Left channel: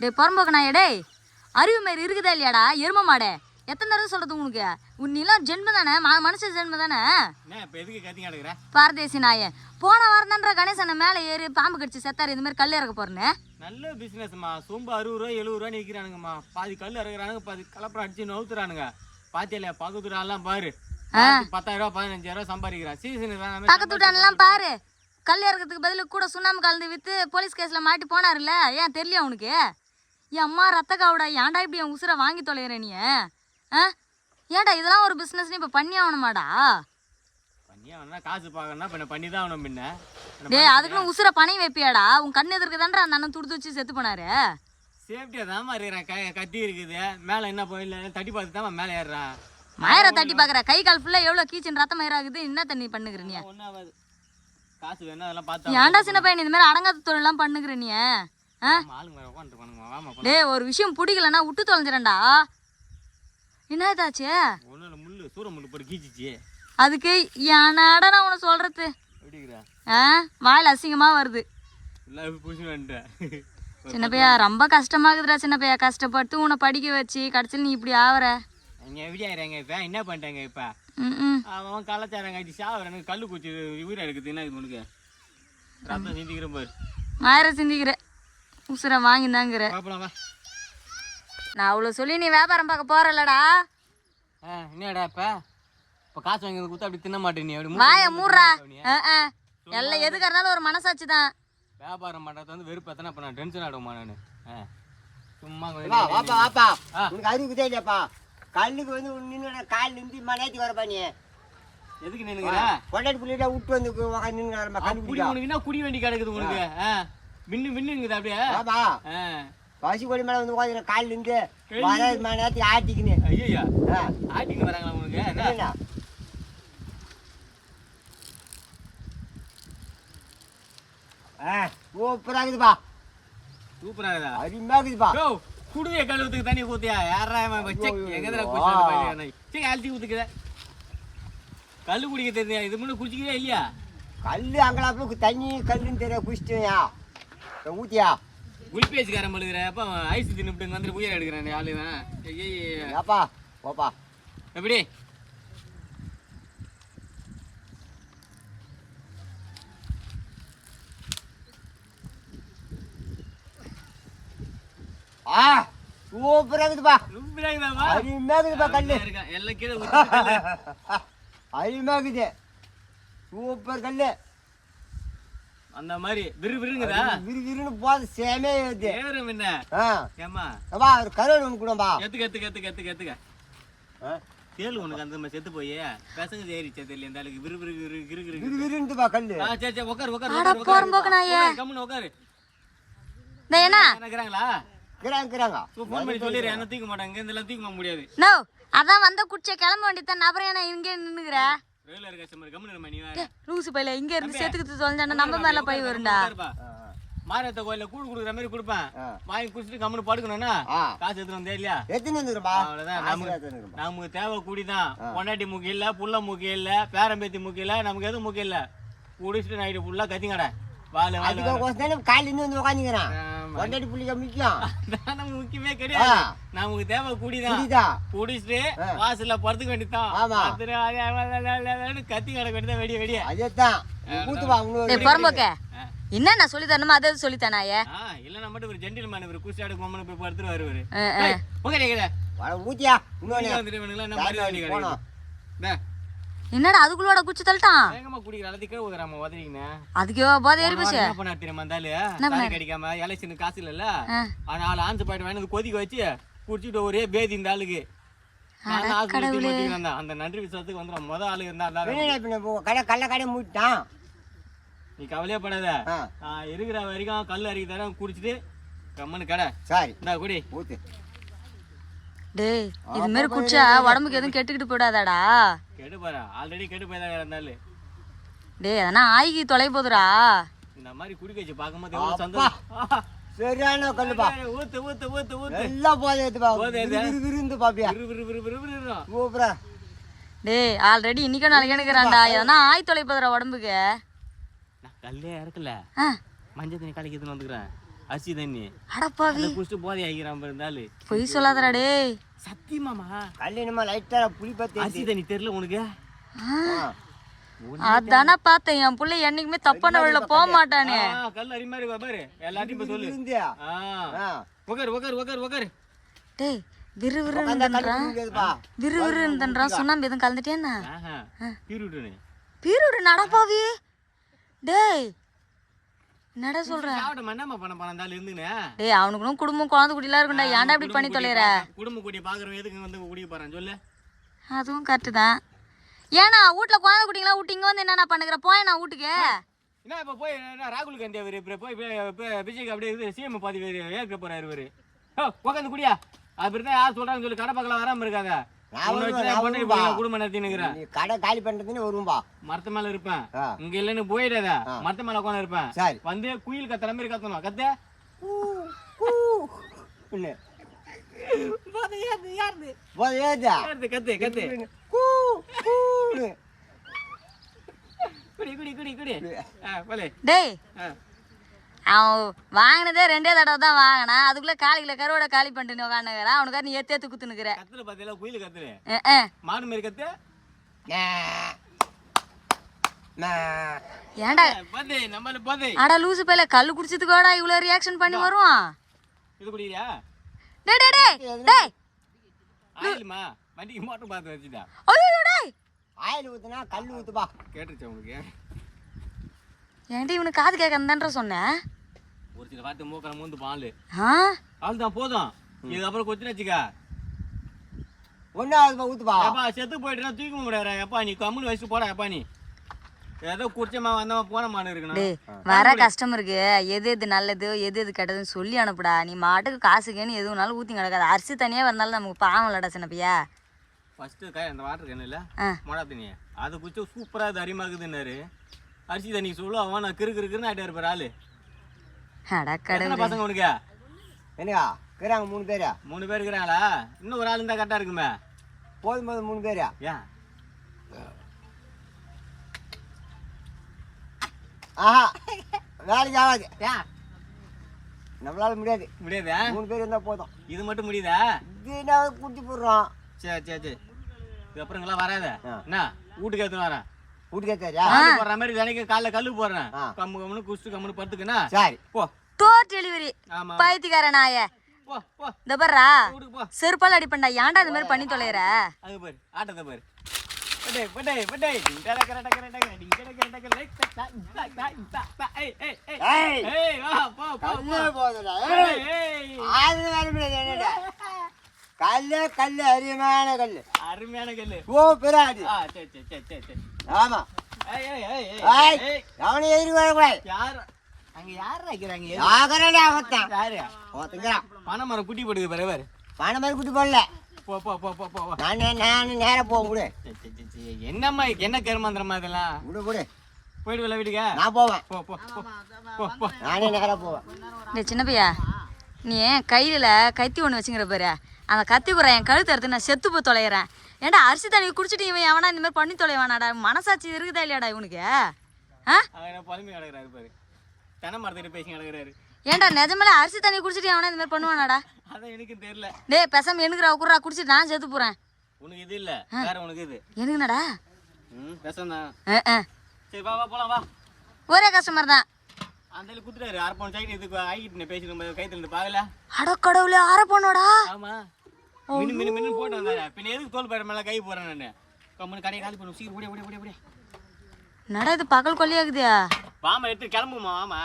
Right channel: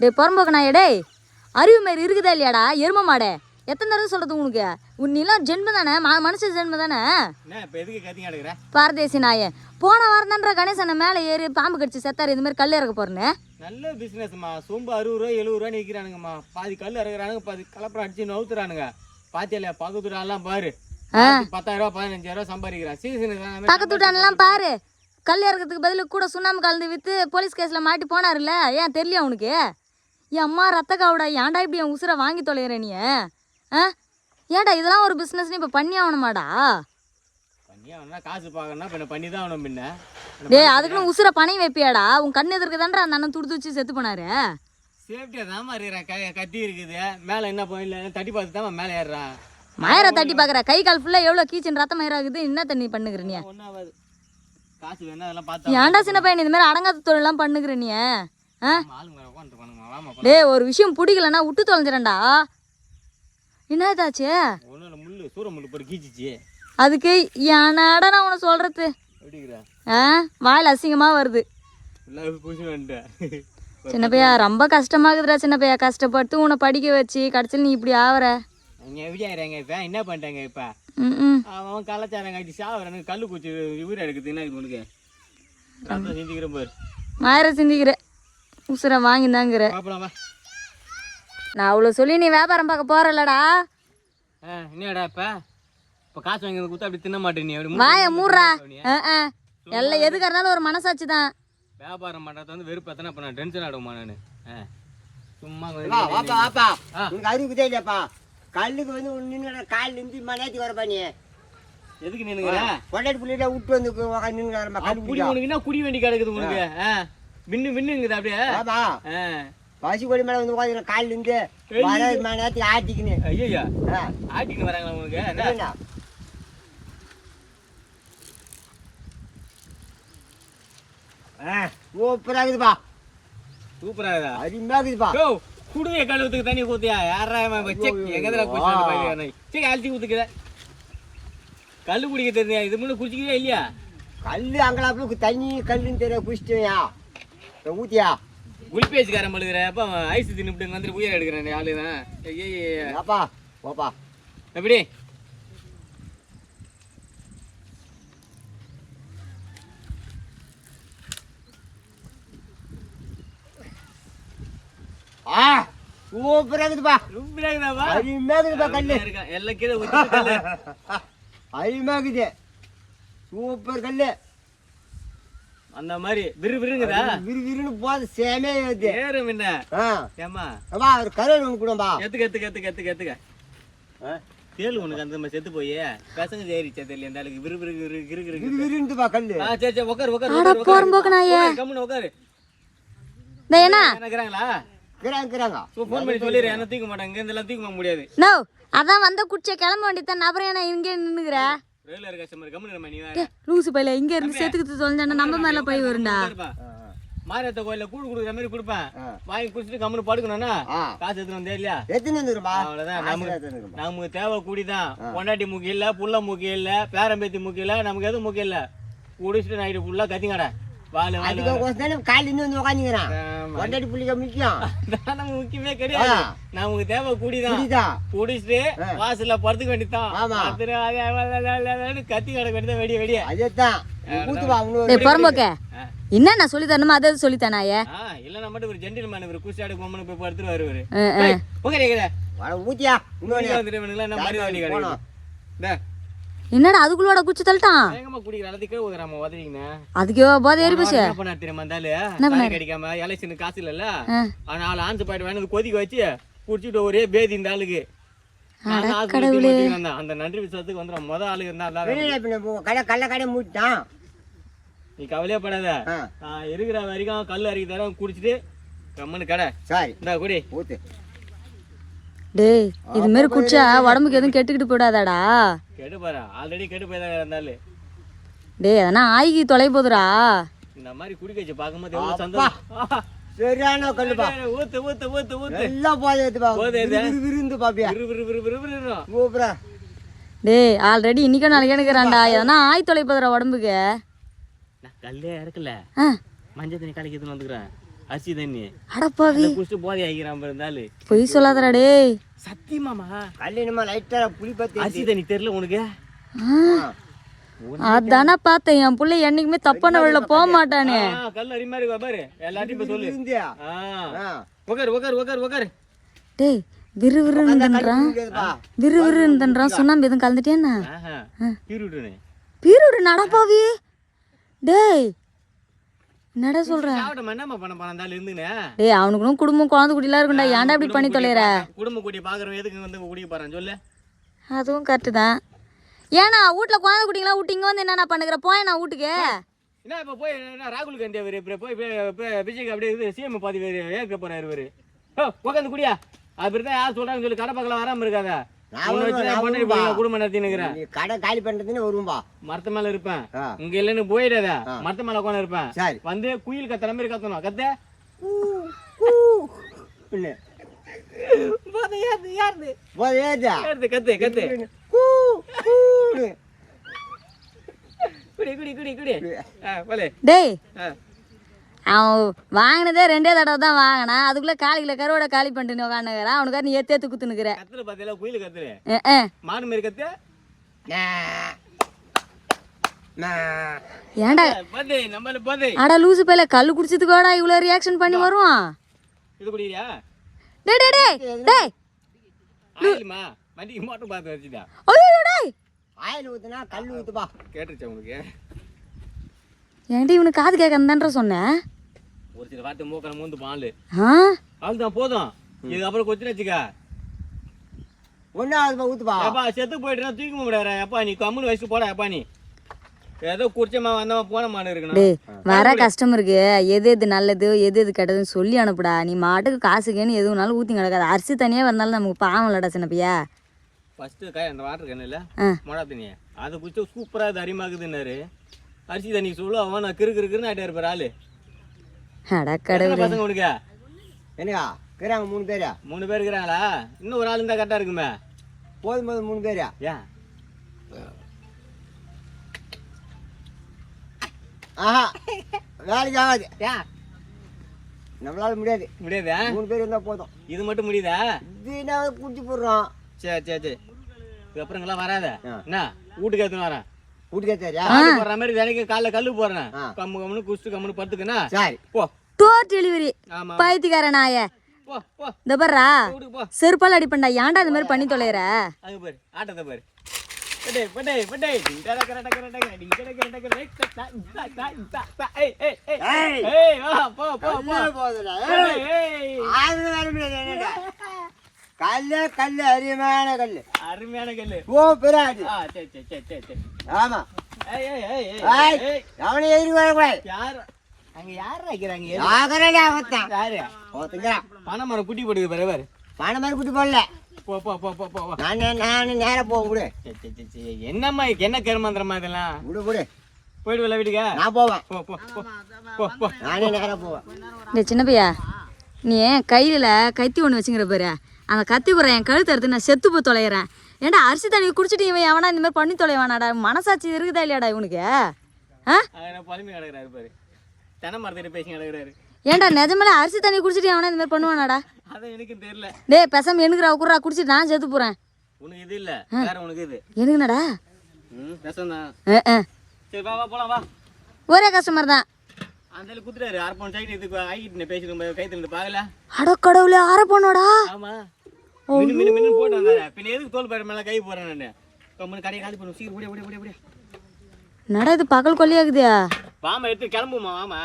டே புறம்போக்கு நான் டேய் அறிவு மாரி இருக்குதா இல்லையாடா எரும மாடே எத்தனை தடவை சொல்றது உனக்கு நீலாம் ஜென்ம தானே மனுஷ ஜென்ம தானே பாரதேசி நாயே போன வாரம் தான்ற கணேசனை மேலே ஏறி பாம்பு கடிச்சு செத்தாரு இந்த மாதிரி கல் இறக்க போறேன்னு நல்ல பிசினஸ்மா சொம்பு 60 ரூபா 70 ரூபா நிற்கிறானுங்கம்மா பாதி கல் இறக்குறானுங்க பாதி கலப்படம் அடிச்சு நவுத்துறானுங்க பாத்தியா பக்கத்து வீடாலாம் பாரு 10,000 ரூபா 15,000 ரூபா சம்பாதிக்கிறான் சீசன் பக்கத்து வீட்டானெல்லாம் பாரு கல் இறக்கிறதுக்கு பதில் கூட சுண்ணாம்பு கலந்து விற்று போலீஸ் கேஸில் மாட்டி போனார்ல ஏன் தெரியல உனக்கு என் அம்மா ரத்த காவுடா ஏன்டா இப்படி என் உசுரை வாங்கி தொலைகிற நீ ஏன்டா இதெல்லாம் ஒரு பிஸ்னஸ்னு இப்போ பண்ணி ஆகணுமாடா காசு பார்க்கணும்னா பண்ணி தான் ஆகணும் பின்ன டே அதுக்குன்னு உசுரை பணம் வைப்பியாடா உன் கண் எதிர்க்கு தான்டா அந்த அண்ணன் துடுத்து வச்சு செத்து போனாரு சேஃப்டியா தான் இருக்கிறேன் கத்தி இருக்குது மேலே என்ன போயில தட்டி பார்த்து தான் மேலே ஏறுறான் மயரை தட்டி பார்க்குற கை கால் ஃபுல்லாக எவ்வளோ கீச்சின் ரத்தம் மயிராகுது என்ன தண்ணி பண்ணுகிற நீ காசு வேணும் அதெல்லாம் பார்த்து ஏன்டா சின்ன பையன் இந்த மாதிரி அடங்காத தொழிலாம் பண்ணுகிற நீ டே ஒரு விஷயம் பிடிக்கலன்னா விட்டு தொலைஞ்சிடண்டா என்னதாச்சு முள்ளு சூற முள்ளு போட்டு கீச்சிச்சு அதுக்கு ஏனாடா நான் உனக்கு சொல்றது வாயில் அசிங்கமா வருது சின்ன பையா ரொம்ப கஷ்டமாகுதுடா சின்ன பையா கஷ்டப்பட்டு உன்னை படிக்க வச்சு கடைசியில் நீ இப்படி ஆவற இப்ப என்ன பண்ணிட்டாங்க இப்ப அவன் கலாச்சாரம் கட்டி சாவறானு கல்லு குச்சி உயிரை எடுக்குது என்ன உனக்கு சிந்திக்கிறேன் பாரு மாயிர சிந்திக்கிற உசுரை வாங்கிந்தாங்கிற நான் அவ்வளோ சொல்லி நீ வியாபாரம் பார்க்க போறலடா என்னடா இப்ப காசு வாங்கி கொடுத்தா அப்படி தின்ன மாட்டேன் நீ வாய மூடுறா எல்லாம் எதுக்கு இருந்தாலும் ஒரு மனசாட்சி தான் வியாபாரம் பண்றது வந்து வெறுப்பு எத்தனை பண்ண டென்ஷன் ஆடுமா நானு சும்மா அறிவுதே இல்லப்பா கல்லுக்கு வந்து நின்று காலில் இருந்து மலையாத்தி வரப்பா நீ எதுக்கு நின்னுங்கிற பொண்டாட்டி புள்ளிட்ட விட்டு வந்து நின்று உனக்கு என்ன குடி வேண்டி கிடக்குது உனக்கு மின்னுங்குது அப்படியே பசி கொடி மேல வந்து உட்காந்து காலில் இருந்து மணி நேரத்துக்கு ஆட்டிக்கின்னு ஐயா ஆட்டின்னு வராங்களா உனக்கு என்ன சூப்பரா இருக்குதுப்பா சூப்பரா இருக்குதா அருமையா இருக்குதுப்பா குடுங்க கழுவுத்துக்கு தண்ணி ஊத்தியா யாரா எங்கதுல குடிச்சு அழுத்தி ஊத்துக்குத கல்லு குடிக்க தெரியா இது முன்ன குடிச்சிக்கிறியா இல்லையா கல்லு அங்கலாப்புல தண்ணி கல்லுன்னு தெரிய குடிச்சிட்டியா ஊத்தியா குளிப்பேச்சுக்காரன் பழுகிற அப்ப ஐஸ் தின்னுட்டு வந்து உயிர் எடுக்கிறேன் ஆளுதான் அப்பா ஓப்பா எப்படி சூப்பரா இருக்குதுப்பா சூப்பரா இருக்குதாப்பா அருமையா இருக்குதுப்பா கல்லு எல்லாம் கீழே ஊத்தி கல்லு அருமையா இருக்குது சூப்பர் கல்லு அந்த மாதிரி விறுவிறுங்குதா விறுவிறுன்னு போது சேமே ஏறும் என்ன ஏமா ஒரு கருவல் ஒன்று கூடப்பா எத்துக்க தேலு உனக்கு அந்த மாதிரி செத்து போய் பசங்க ஏறிச்சா தெரியல அந்த ஆளுக்கு விறுவிறுந்துப்பா கல்லு சரி உட்காரு கம்முன்னு உட்காரு என்னங்கிறாங்களா போன் பண்ணி சொல்லிடுறேன் என்ன தூக்க மாட்டாங்க இந்த எல்லாம் தூக்க முடியாது அதான் வந்த குடிச்ச கிளம்ப வேண்டியதான் அப்புறம் என்ன இங்கே நின்னுக்குற ரெகுலர் கஸ்டமர் கம்முன்னு நீ லூசு பையில இங்க இருந்து செத்துக்கிட்டு தொலைஞ்சாண்டா நம்ம மேல பை வரும்டா மாரியத்த கோயில கூடு குடுக்குற மாதிரி கொடுப்பேன் வாங்கி குடிச்சிட்டு கம்முன்னு படுக்கணும்னா காசு எடுத்துட்டு வந்தே இல்லையா அவ்வளவுதான் நமக்கு தேவை கூடிதான் பொண்டாட்டி முக்கியம் இல்ல புள்ள முக்கியம் இல்ல பேரம்பேத்தி முக்கியம் இல்ல நமக்கு எதுவும் முக்கியம் இல்ல குடிச்சிட்டு நைட்டு ஃபுல்லா கத்திங்கடா முக்கியமே கிடையாது நமக்கு தேவை கூடிதான் குடிச்சிட்டு வாசல்ல படுத்துக்க வேண்டியதான் கத்தி கிடக்க வேண்டியதான் வெடிய வெடிய என்ன நான் சொல்லி தரணுமா அதை சொல்லித்தானாயே இல்ல நம்ம மட்டும் ஒரு ஜென்டில்மேன் இவரு குஸ்டாடு கொம்மனு போய் படுத்துருவாரு இவரு என்ன மரியாதை கிடையாது என்னடா அதுக்குள்ளோட குச்சி தள்ளிட்டான் அதுக்கு போதை ஏறி போச்சு என்ன பண்ணா தெரியுமா இருந்தாலும் கிடைக்காம எலெக்ஷனுக்கு காசு இல்ல அதனால ஆஞ்சு பாயிட்டு வாங்கி கொதிக்க வச்சு குடிச்சிட்டு ஒரே பேதி இந்த ஆளுக்கு அந்த நன்றி விசுவாசத்துக்கு வந்துடும் முத ஆளு இருந்தா கள்ள கடை மூட்டான் நீ கவலையே படாத இருக்கிற வரைக்கும் கல் அரைக்கி தர குடிச்சிட்டு கம்மனு கடை இந்தா குடி ஊத்து டேய் இது மாதிரி குடிச்சா உடம்புக்கு எதுவும் கெட்டுக்கிட்டு போயிடாதாடா கெட்டு பாரு ஆல்ரெடி கெட்டு போய்தான் இருந்தாலும் டேய் அதெல்லாம் ஆகி தொலை போதுடா இந்த மாதிரி குடிக்க வச்சு பார்க்கும்போது எவ்வளவு சந்தோஷம் சரியான கல்லுப்பா ஊத்து ஊத்து ஊத்து ஊத்து எல்லாம் போதே ஏத்துப்பா விருந்து பாப்பியா சூப்பரா டேய் ஆல்ரெடி இன்னைக்கு நாளைக்கு எடுக்கிறான்டா எதனா ஆய் தொலை போதுடா உடம்புக்கு கல்லே இருக்குல்ல மஞ்சள் தண்ணி கலக்கி எடுத்துன்னு வந்துக்கிறேன் அரிசி தண்ணி அடப்பாவி குடிச்சிட்டு போதை ஆகிக்கிறான் இருந்தாலும் பொய் சொல்லாதடா டேய். சத்தியமாமா கல் என்னமா லைட்டா புளி பத்தி அரிசி தண்ணி தெரியல உனக்கு அதானே பார்த்தேன் என் புள்ள என்னைக்குமே தப்பான வழியில போக மாட்டானே. கல் அடி மாதிரி பாரு எல்லாத்தையும் போய் சொல்லு. உக்கார் உக்கார் உக்கார் உக்கார். டேய் விறுவிறுன்றான் சுண்ணாம்பு எதுவும் கலந்துட்டேன்னா பீருடு நடப்பாவி. டேய் என்னடா சொல்ற? டேய் அவனுக்கு குடும்பம் குழந்தை குட்டிலாம் இருக்கும்டா, ஏன்டா இப்படி பண்ணி தொலைற? குடும்ப குட்டி பாக்குறவன் எதுக்கு வந்து குடிக்க போறான் சொல்லு? அதுவும் கரெக்டு தான். ஏன்னா வீட்டுல குழந்தை குட்டிங்களாம் விட்டு இங்க வந்து என்னென்ன பண்ணுகிற? போய் நான் வீட்டுக்கு என்ன இப்ப போய் என்ன ராகுல் காந்தி அவரு போய் விஜய்க்கு அப்படியே இது சிஎம் பாதி ஏற்க போறாரு இவரு. உட்காந்து குடியா அப்படிதான் யார் சொல்றாங்கன்னு சொல்லி கடை பக்கம் வராம இருக்காத. குடும்பம் நடத்தினுக்கிறேன். கடை காலி பண்றதுன்னு வரும்பா. மரத்து மேல இருப்பேன் இங்க இல்லன்னு போயிடாத. மரத்து மேல உட்காந்து இருப்பேன். வந்து குயில் கத்துற மாதிரி கத்தணும். கத்த கத்து கத்து குடி குடி குடி குடி. டேய் அவன் வாங்கினதே 2 தடவை தான் வாங்கினா, அதுக்குள்ள காலிக்குள்ள கருவோட காலி பண்ணிட்டு உட்காந்துக்கிறான். அவனுக்காக நீ ஏத்து குத்துனுக்குற. கத்துல பாத்தியா குயில் கத்துரு மாடு மாதிரி கத்து. ஏன்டா நம்மள பாத்து அட லூசு பையல கல்லு குடிச்சதுக்கோடா இவ்வளவு ரியாக்ஷன் பண்ணி வருவான்? இது குடியா? டேய் டேய் டேய் டேய் ஆயில்மா வண்டிக்கு மோட்டர் பாத்து வச்சிடா. ஐயோ டேய் ஆயில் ஊத்துனா கல் ஊத்துப்பா. கேட்டுச்சா உங்களுக்கு? ஏன்டி இவனுக்கு காது கேட்கறதுன்ற சொன்னேன். ஒரு சில வார்த்தை மூக்கன மூந்து பாலு ஆ அதுதான் போதும். இது அப்புறம் கொச்சின வச்சுக்க ஒன்னாவது ஊத்துப்பா. அப்பா செத்து போயிட்டுனா தூக்க முடியாதா? அப்பா நீ கம்முனு வயசுக்கு போடா. அப்பா நீ ஏதோ குடிச்சமா வந்தமா போன மாடு இருக்கணும். வர கஸ்டமருக்கு எது எது நல்லது எது எது கெட்டதுன்னு சொல்லி அனுப்புடா. நீ மாட்டுக்கு காசுக்கேன்னு எதுனாலும் ஊற்றி கிடக்காது. அரிசி தனியாக வரனாலும் நமக்கு பாவம் இல்லடா சின்ன பையா. ஃபர்ஸ்ட்டு அந்த வாட்டர் கேன் இல்லை மொளா தண்ணி அதை குடிச்சா சூப்பராக அது அரிமாக்குதுன்னாரு. அரிசி தண்ணி சொல்லு அவன் நான் கிறுக்குன்னு ஆகிட்டே இருப்பார் ஆளு. பசங்க உனக்கு என்னக்கா இருக்கிறாங்க 3 பேரா? 3 பேர் இருக்கிறாங்களா? இன்னும் ஒரு ஆள் இருந்தால் கரெக்டாக இருக்குமே. போதும் 3 பேரா? ஏன் ஆஹா வேலைக்கு ஆகாது. ஏன் நம்மளால முடியாது. முடியாதா? 3 பேர் இருந்தா போதும். இது மட்டும் முடியுதா? இதுனா குட்டி போடுறோம். சரி சரி சரி அப்புறங்கெல்லாம் வராத. என்ன வீட்டுக்கு எடுத்துன்னு வரேன். வீட்டுக்கு ஏத்தாரியா? போடுற மாதிரி தினைக்கு காலைல கல்லு போடுறேன். கம்மு கம்முன்னு குடிச்சு கம்முன்னு பத்துக்குன்னா சரி போ. டோர் டெலிவரி பைத்தியக்கார நாய. போ போ இந்த பாரா வீட்டுக்கு போ. செருப்பால் அடிப்பண்டா. ஏன்டா இந்த மாதிரி பண்ணி தொலைற? அங்க பாரு ஆட்டத்தை பாரு. படே படே படே டிங்கட கரட கரட டிங்கட கரட கரட ஏய் ஏய் ஏய் ஏய் வா போ போ போ போதுடா. ஏய் ஆறு வேற முடியாது. கல்லு கல்லு அருமையான கல்லு. அருமையான கல்லு. ஓ பெராடி. சரி சரி சரி சரி ஆமா. ஏய் ஏய் ஏய் ஏய் ஏய் அவனே ஏறி வரக்கூடாது. யார் அங்க யார் வைக்கிறாங்க? யாகரடா அவத்தான். யாரு? ஓத்துங்கடா. பணமரம் குட்டி போடுது பாரு பாரு. பணம் மாதிரி குட்டி போடல. போ போ போ போ போ. நான் நேரா போக விடு. என்னம்மா என்ன கருமாந்திரமா இதெல்லாம்? விடு விடு. போயிடுவல வீட்டுக்கா? நான் போவேன். போ போ போ போ போ. நானே நேரா போவேன். இந்த சின்ன பையா நீ கையில் கத்தி ஒன்று வச்சுங்கிற பாரு. அந்த கத்தி குறை என் கழுத்து எடுத்து நான் செத்து போய் தொலைகிறேன். ஏன்டா அரிசி தண்ணி குடிச்சிட்டு இவன் எவனா இந்த மாதிரி பண்ணி தொலைவானாடா? மனசாட்சி இருக்குதா இல்லையாடா இவனுக்கு? புலம்பி கிடக்குறாரு பாரு. தென்னை மரத்திட்ட பேசி கிடக்குறாரு. ஏன்டா நிஜமாலே அரிசி தண்ணி குடிச்சிட்டு எவனா இந்த மாதிரி பண்ணுவானாடா? அதான் எனக்கு தெரியல. டேய் பேசாம எனக்குறா குறா குடிச்சிட்டு நான் செத்து போறேன். உனக்கு இது இல்ல வேற உனக்கு இது. எனக்குனடா? கஷ்டம் தான். சரி வா வா போலாம் வா. ஒரே கஸ்டமர் தான். அந்த குத்துறாரு அரப்பன் சைடு இதுக்கு ஆகிட்டு பேசி கைத்துல இருந்து பாக்கல. அட கடவுளே அரப்பனோடா? ஆமா. மினு மினு மினு போட்டு வந்தாரு. பின்ன எதுக்கு தோல் பயிர் மேல கை போறேன் நானு. கம்மன் கடையை காலி பண்ணு சீக்கிரம் ஓடி ஓடி ஓடி ஓடி. நடா இது பகல் கொல்லியாகுதா? வாமா எடுத்து கிளம்புமா வாமா.